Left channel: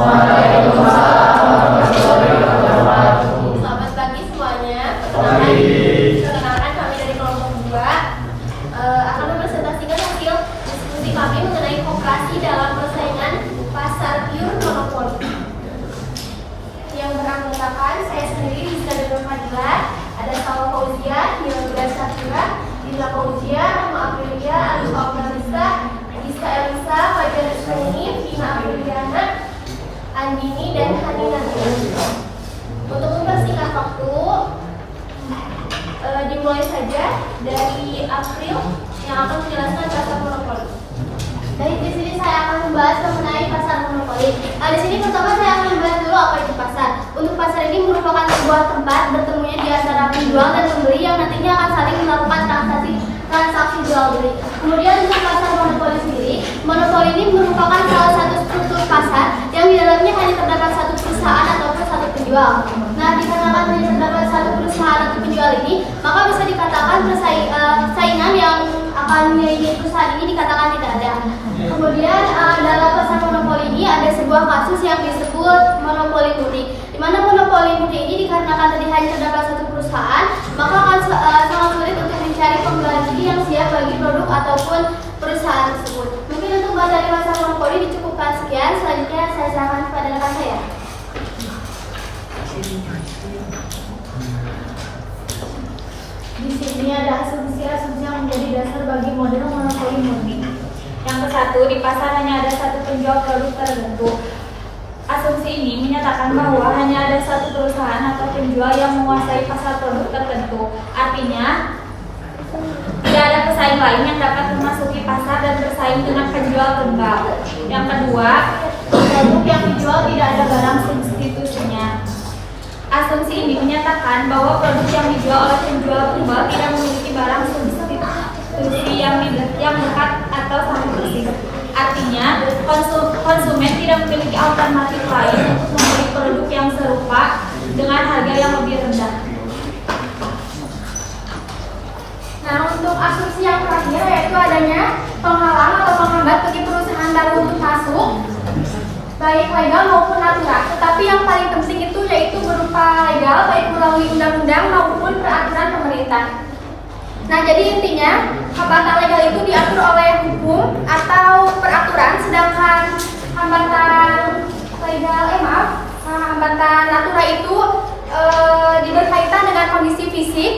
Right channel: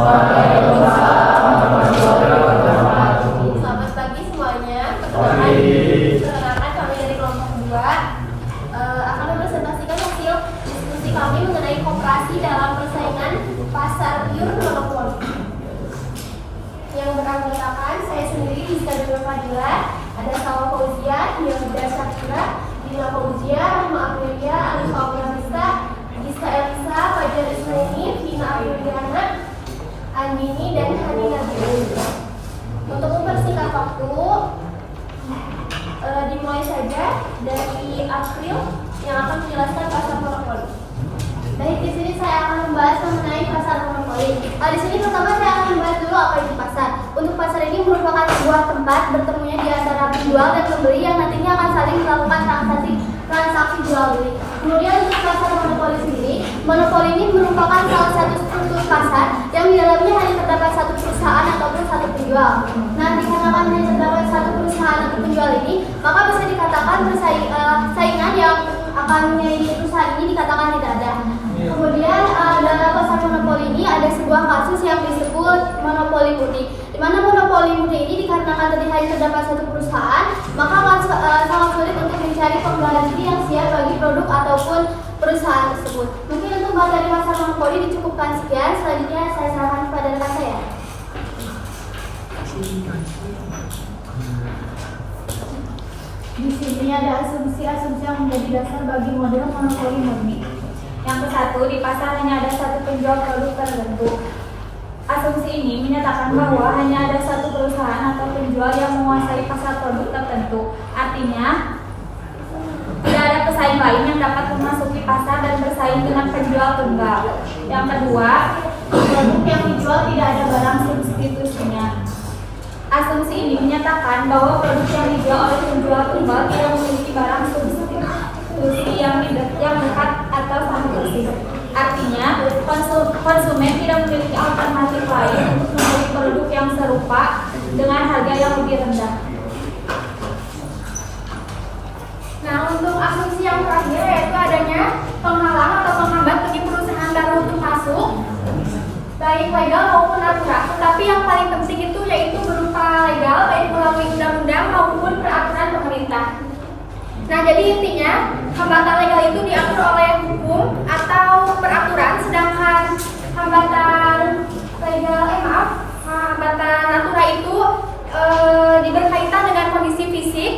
Selamat pagi semuanya. Perkenalkan kami dari kelompok 2 akan mempresentasikan hasil diskusi kami mengenai koperasi dalam persaingan pasar pure monopoli. Yang beranggotakan saya sendiri, Rizka Dewi Fadila, ada Salwa Fauzia, Hilda Syakira, Dila Fauzia, Rima Aprilia, Alif Fauzia, Giska Elisa, Fajar Ismeni, Vina Apriliana, Andini, dan Hani Nabil. Untuk mempersingkat waktu, dimulai saja dari April yang akan menjelaskan pasar monopoli. Dari di sini saya akan membahas mengenai pasar monopoli. Di sini pertama saya akan membahas dulu apa itu pasar. Untuk pasar ini merupakan sebuah tempat bertemunya di antara penjual dan pembeli yang nantinya akan saling melakukan transaksi jual beli. Kemudian untuk pasar monopoli sendiri, monopoli ini merupakan salah satu struktur pasar yang di dalamnya hanya terdapat satu perusahaan ataupun satu penjual. Nah, dikarenakan hanya terdapat satu perusahaan atau penjual ini, maka bisa dikatakan saingan yang akan menjadi perusahaan ini dikatakan tidak ada. Kemudian dalam pasar monopoli ini ada sebuah kasus yang disebut monopoli murni. Di mana monopoli murni ini dikarenakan tadi hanya terdapat satu perusahaan, maka akan sangat sulit untuk mencari pengganti yang siap bagi produk ataupun perusahaan tersebut. Mungkin untuk materi pasar monopoli dicukupkan sekian. Selanjutnya saya serahkan kepada rekan saya. Di sini ada asumsi-asumsi yang menjadi dasar bagi model monopoli murni. Yang ke-1, di pasar hanya ada satu penjual produk tertentu. Asumsi ini menyatakan bahwa hanya ada satu perusahaan atau penjual yang menguasai pasar produk tertentu. Artinya, tidak ada pesaing lain yang dapat memasuki pasar dan bersaing dengan penjual tunggal. Yang kedua, produk yang dijual tidak ada barang substitusinya. Asumsi ini menyatakan bahwa produk yang dijual oleh penjual tunggal tidak memiliki barang substitusi yang dekat atau sama persis. Artinya, konsumen tidak memiliki alternatif lain untuk membeli produk yang serupa dengan harga yang lebih rendah. Nah, untuk asumsi yang terakhir yaitu adanya penghalang atau penghambat bagi perusahaan baru untuk masuk, baik legal maupun natural. Tetapi yang paling penting itu yaitu berupa legal, baik melalui undang-undang maupun peraturan pemerintah. Nah, jadi intinya hambatan legal itu diatur oleh hukum atau peraturan, sedangkan hambatan hambatan natural itu berkaitan dengan kondisi fisik,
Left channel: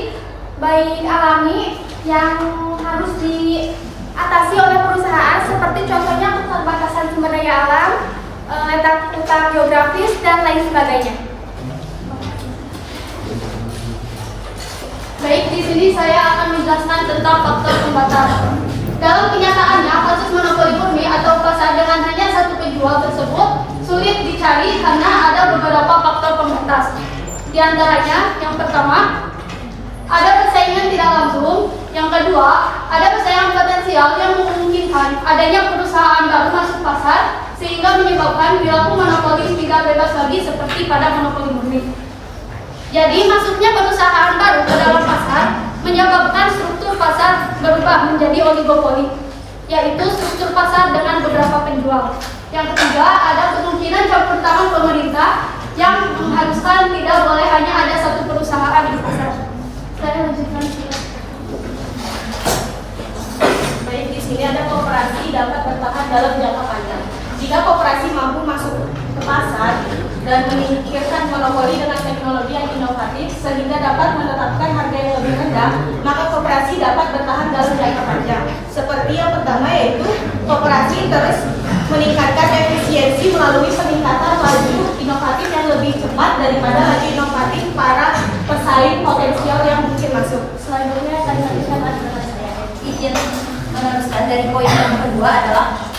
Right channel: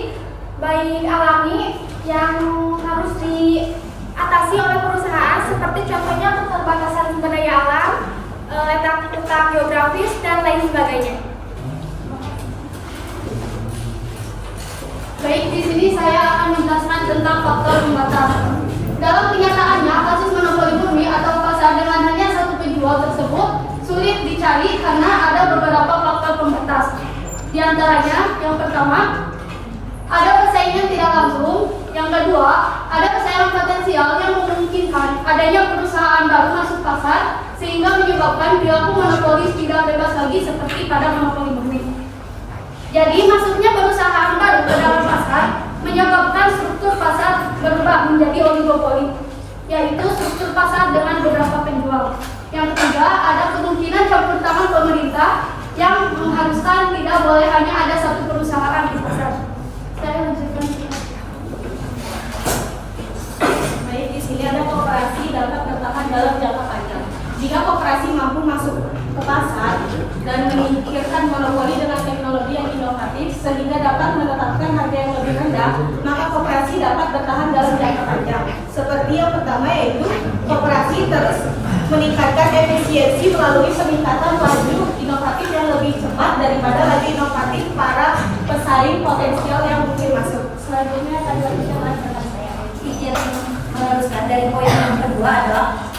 baik alami yang harus diatasi oleh perusahaan, seperti contohnya keterbatasan sumber daya alam, letak geografis, dan lain sebagainya. Baik, di sini saya akan menjelaskan tentang faktor pembatas. Dalam kenyataannya, kasus monopoli murni atau pasar dengan hanya satu penjual tersebut sulit dicari karena ada beberapa faktor pembatas. Di antaranya, yang pertama, ada persaingan tidak langsung. Yang kedua, ada persaingan potensial yang memungkinkan adanya perusahaan baru masuk pasar sehingga menyebabkan perilaku monopoli tidak bebas lagi seperti pada monopoli murni. Jadi masuknya perusahaan baru ke dalam pasar menyebabkan struktur pasar berubah menjadi oligopoli, yaitu struktur pasar dengan beberapa penjual. Yang ketiga, ada kemungkinan campur tangan pemerintah yang mengharuskan tidak boleh hanya ada satu perusahaan di pasar. Saya lanjutkan. Baik, di sini ada koperasi dapat bertahan dalam jangka panjang. Jika koperasi mampu masuk ke pasar dan menyingkirkan monopoli dengan teknologi yang inovatif sehingga dapat menetapkan harga yang lebih rendah, maka koperasi dapat bertahan dalam jangka panjang. Seperti yang pertama yaitu koperasi terus meningkatkan efisiensi melalui peningkatan laju inovatif yang lebih cepat daripada laju inovatif para pesaing potensial yang mungkin masuk. Selanjutnya akan dilanjutkan dengan saya. Izin meneruskan dari poin yang kedua adalah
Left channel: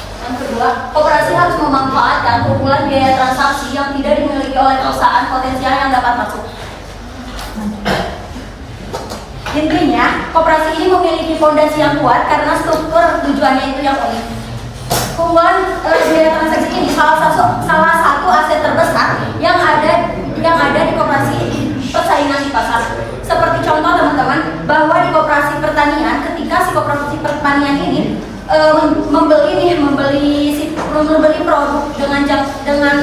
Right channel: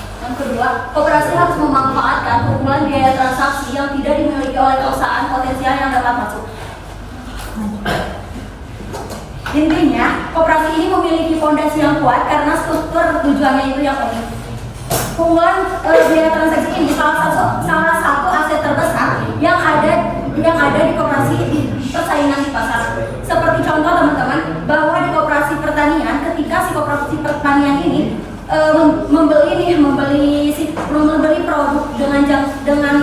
koperasi harus memanfaatkan hubungan biaya transaksi yang tidak dimiliki oleh perusahaan potensial yang dapat masuk. Intinya, koperasi ini memiliki fondasi yang kuat karena struktur tujuannya itu yang unik. Hubungan biaya transaksi ini salah satu aset terbesar yang ada di koperasi persaingan di pasar. Seperti contoh teman-teman, bahwa di koperasi pertanian, ketika si koperasi pertanian ini membeli produk dengan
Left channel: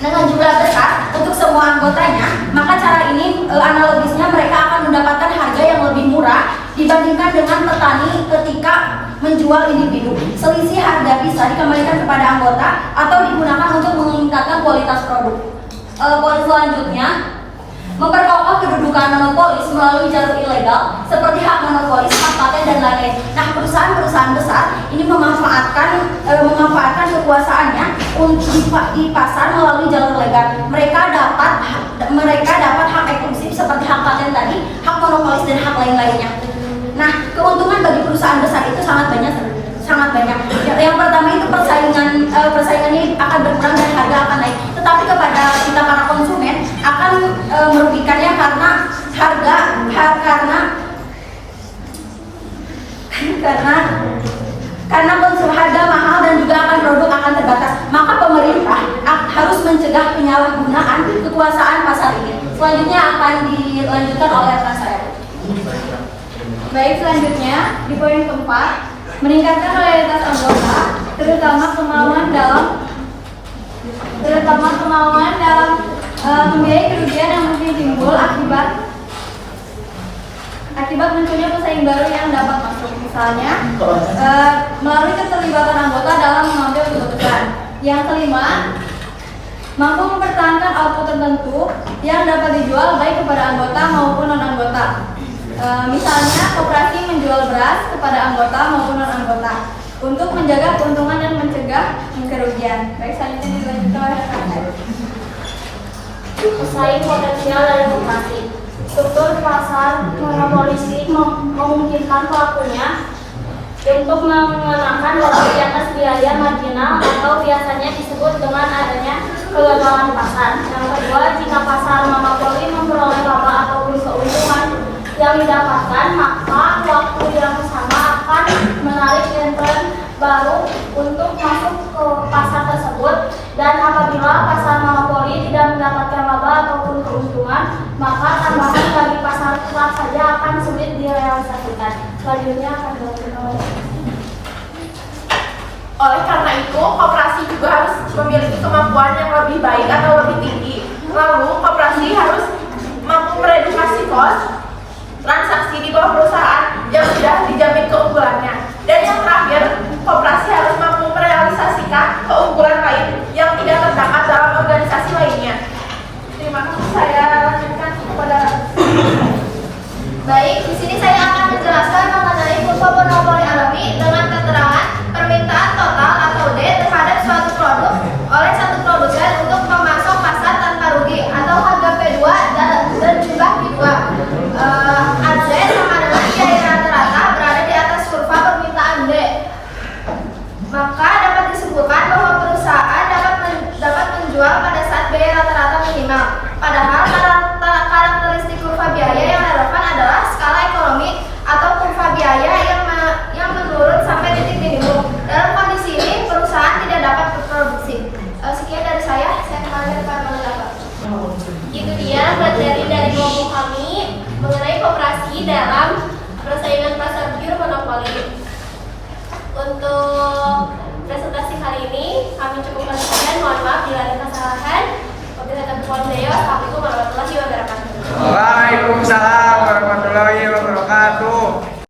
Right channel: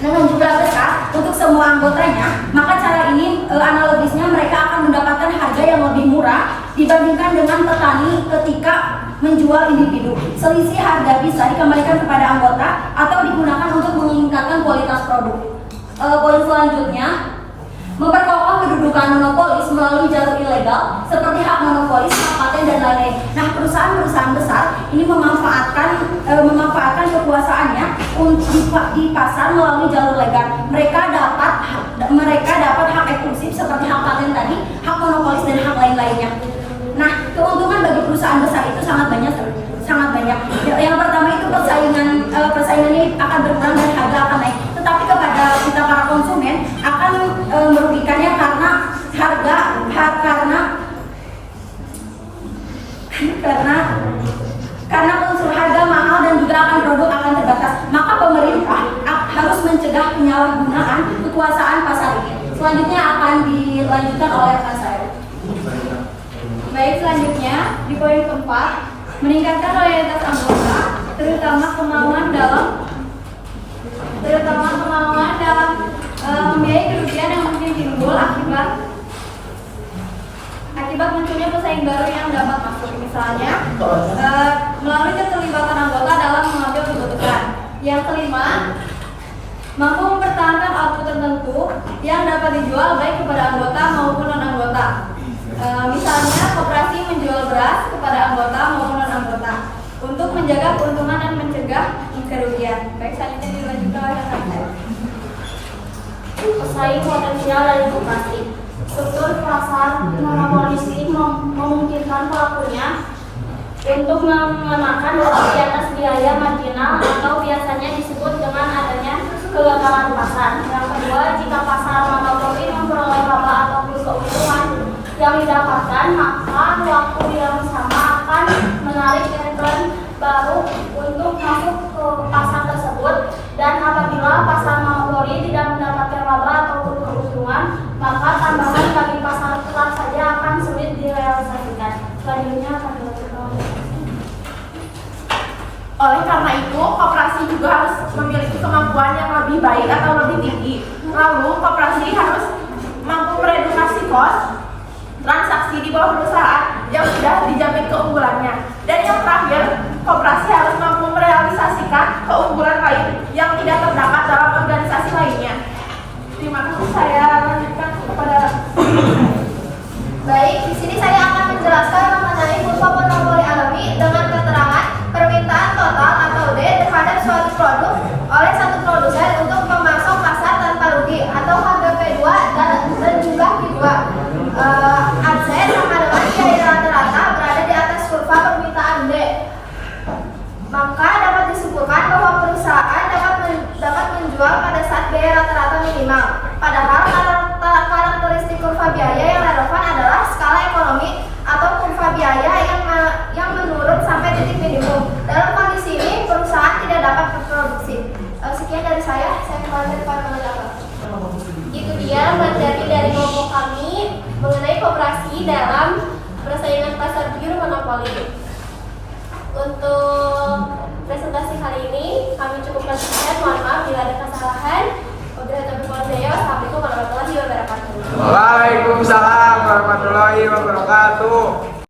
dengan jumlah besar untuk semua anggotanya, maka cara ini analogisnya mereka akan mendapatkan harga yang lebih murah dibandingkan dengan petani ketika menjual individu. Selisih harga bisa dikembalikan kepada anggota atau digunakan untuk meningkatkan kualitas produk. Poin selanjutnya, memperkokoh kedudukan monopolis melalui jalur ilegal seperti hak monopolis, hak paten dan lain-lain. Nah, perusahaan-perusahaan besar ini memanfaatkan kekuasaannya di pasar melalui jalur legal. Mereka dapat hak eksklusif seperti hak paten tadi, hak monopolis dan hak lain-lainnya. Nah, keuntungan bagi perusahaan besar itu sangat banyak. Yang pertama itu persaingannya akan berkurang dan harga akan naik. Tetapi kepada kita para konsumen akan merugikannya karena harga mahal dan juga produk akan terbatas. Maka pemerintah harus mencegah penyalahgunaan kekuasaan pasar ini. Selanjutnya akan dilanjutkan oleh rekan saya. Baik, selanjutnya di poin keempat, meningkatkan loyalitas anggota, terutama kemauan dalam membiayai kerugian yang mungkin timbul akibat munculnya pesaing baru yang dapat masuk. Misalnya, melalui keterlibatan anggota dalam mengambil keputusan. Yang kelima, mampu mempertahankan output tertentu yang dapat dijual baik kepada anggota maupun non-anggota. Misalnya, koperasi menjual beras kepada anggota maupun non-anggota untuk menjaga keuntungan dan mencegah kerugian. Baik, selanjutnya dilanjutkan oleh rekan saya. Pesaing potensial dari koperasi. Struktur pasar monopolis ini memungkinkan pelakunya untuk mengenakan lebih di atas biaya marginal atau biasanya disebut dengan adanya kegagalan pasar. Yang kedua, jika pasar monopoli memperoleh laba ataupun keuntungan yang didapatkan, maka waktu yang sama akan menarik intern baru untuk masuk ke pasar tersebut. Dan apabila pasar monopoli tidak mendapatkan laba ataupun keuntungan, maka tambahan bagi pasar kelas saja akan sulit direalisasikan. Selanjutnya akan dilanjutkan. Oleh karena itu, koperasi juga harus memiliki kemampuan yang lebih baik atau lebih tinggi. Lalu, koperasi harus mampu meredukasi kos transaksi di bawah perusahaan yang sudah dijamin keunggulannya. Dan yang terakhir, koperasi harus mampu merealisasikan keunggulan lain yang tidak terdapat dalam organisasi lainnya. Terima kasih, saya lanjutkan kepada. Baik, di sini saya akan menjelaskan mengenai kurva monopoli alami dengan keterangan permintaan total atau D terhadap suatu produk oleh satu produsen untuk memasok pasar tanpa rugi atau harga P2 dan juga P2. AZ sama dengan biaya rata-rata berada di atas kurva permintaan D. Maka dapat disimpulkan bahwa perusahaan dapat menjual pada saat biaya rata-rata minimal. Padahal karakteristik kurva biaya yang relevan adalah skala ekonomi atau kurva biaya yang menurun sampai titik minimum. Dalam kondisi ini, perusahaan tidak dapat berproduksi. Sekian dari saya kembali kepada pendapat. Itu dia materi dari kelompok kami mengenai koperasi dalam persaingan pasar pure monopoli. Untuk presentasi hari ini kami cukupkan sekian. Mohon maaf bila ada kesalahan. Wassalamualaikum warahmatullahi wabarakatuh. Waalaikumsalam warahmatullahi wabarakatuh.